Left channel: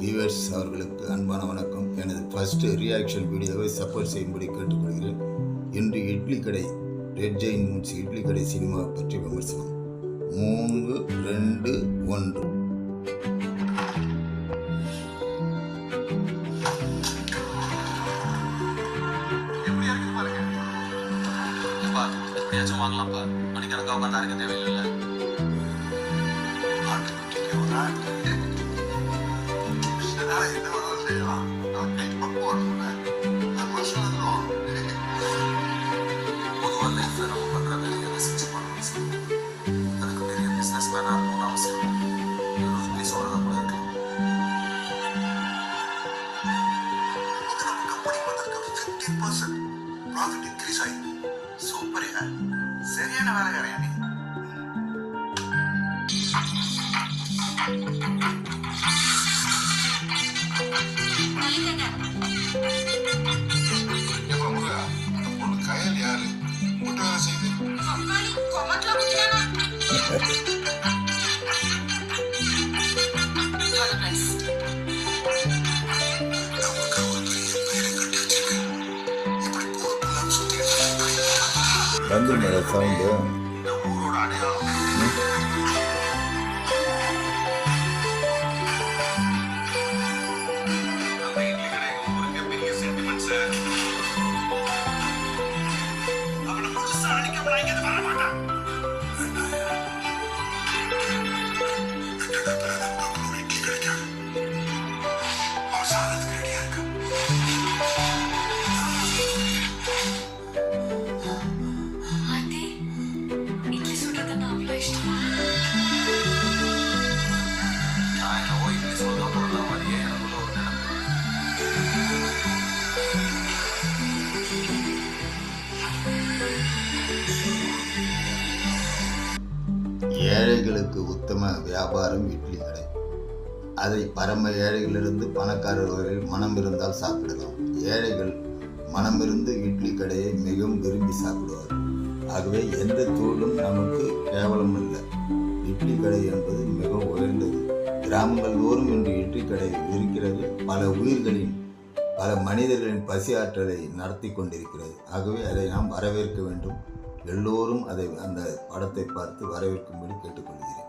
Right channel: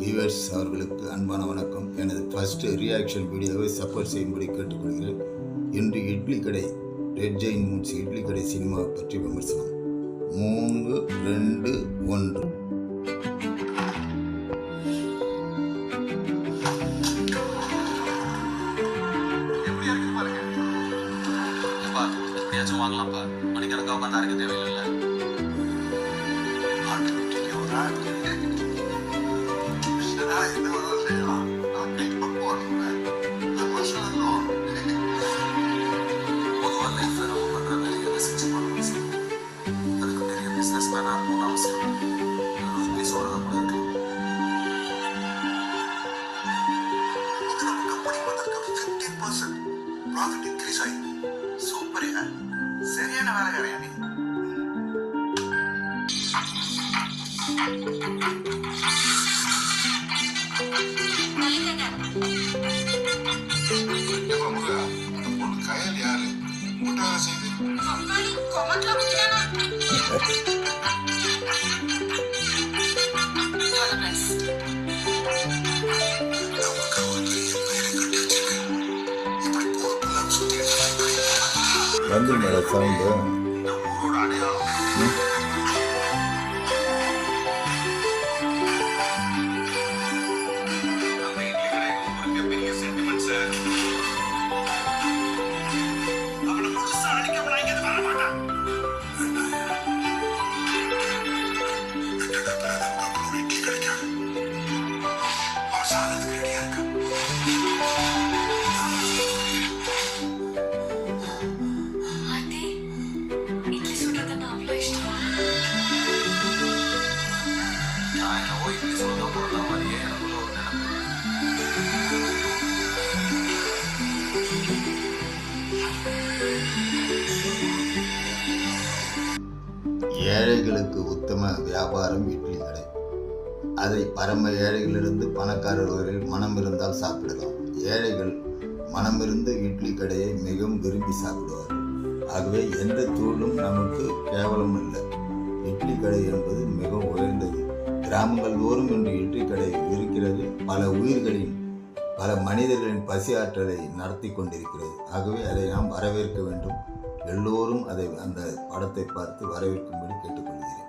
Viewers அவர்களுக்கு அன்பான வணக்கம். எனது ஃபர்ஸ்ட் ரியாக்ஷன் வீடியோவை சப்போர்ட் செய்யும்படி கேட்டுக்கொள்கிறேன். இன்று இட்லி கடை ரெட் ஜெயின் மூட்ஸ் இட்லி கடை சினிமாவை பற்றி விமர்சனம். 3, 2, 1. வாங்கலாம்ப்பா, மணிக்கணக்காக உட்காந்து அரைக்க தேவையில்லை. பொதுவாக லைஃப்ல நம்ம பண்ற வேலையை ரசிச்சு பண்ணணும். அதுக்கு பெரிய பிசினஸ் மேனா இருக்கணும்னு அவசியம் இல்லை. சொல்றத கூட இருக்கு. நம்ம கம்பெனி வந்திருக்க 15% ப்ராஃபிட் இன்க்ரீஸ் ஆகி சூப்பரியா, சரியான வேலைக்காரையா நீ. வந்து மேடம் சவுண்டு இந்த ஊரோட அடையாளம். நம்ம இட்லி கடை ஊருக்கு பெரிய சென்டிமெண்ட் சார். அவனை முழுசா அடிக்காம நான் இங்க வர மாட்டேன். இட்லி கிடைக்காது. அவன் சாதத்துக்கு ரெடியா இருக்க. இட்லி சுடுறதுன்னா அவ்வளோ இஷ்டமா? நான் என்னவோ இட்லி சுடுறதா போடுற மாதிரியே எனக்குள்ள ஒரு நினைப்பு. ஏழைகளுக்கு உத்தம வியாபாரம் இட்லி கடை. அதை பரம ஏழைகளிலிருந்து பணக்காரர் வரையில் மனம் இருந்தால் சாப்பிடலாம். ஏழைகள் மனமிருந்து இட்லி கடையை மிகவும் விரும்பி சாப்பிடுவார்கள். ஆகவே எந்த தொழிலும் நமக்கு கேவலம் இல்லை. இட்லி கடை என்பது மிகவும் உயர்ந்தது. கிராமங்கள் தோறும் இன்று இட்லி கடை இருக்கிறது. பல உயிர்களின் பல மனிதர்களின் பசி ஆற்றலை நடத்தி கொண்டிருக்கிறது. ஆகவே அதை நாம் வரவேற்க வேண்டும். எல்லோரும் அந்த படத்தை பார்த்து வரவேற்கும்படி கேட்டுக்கொள்கிறேன்.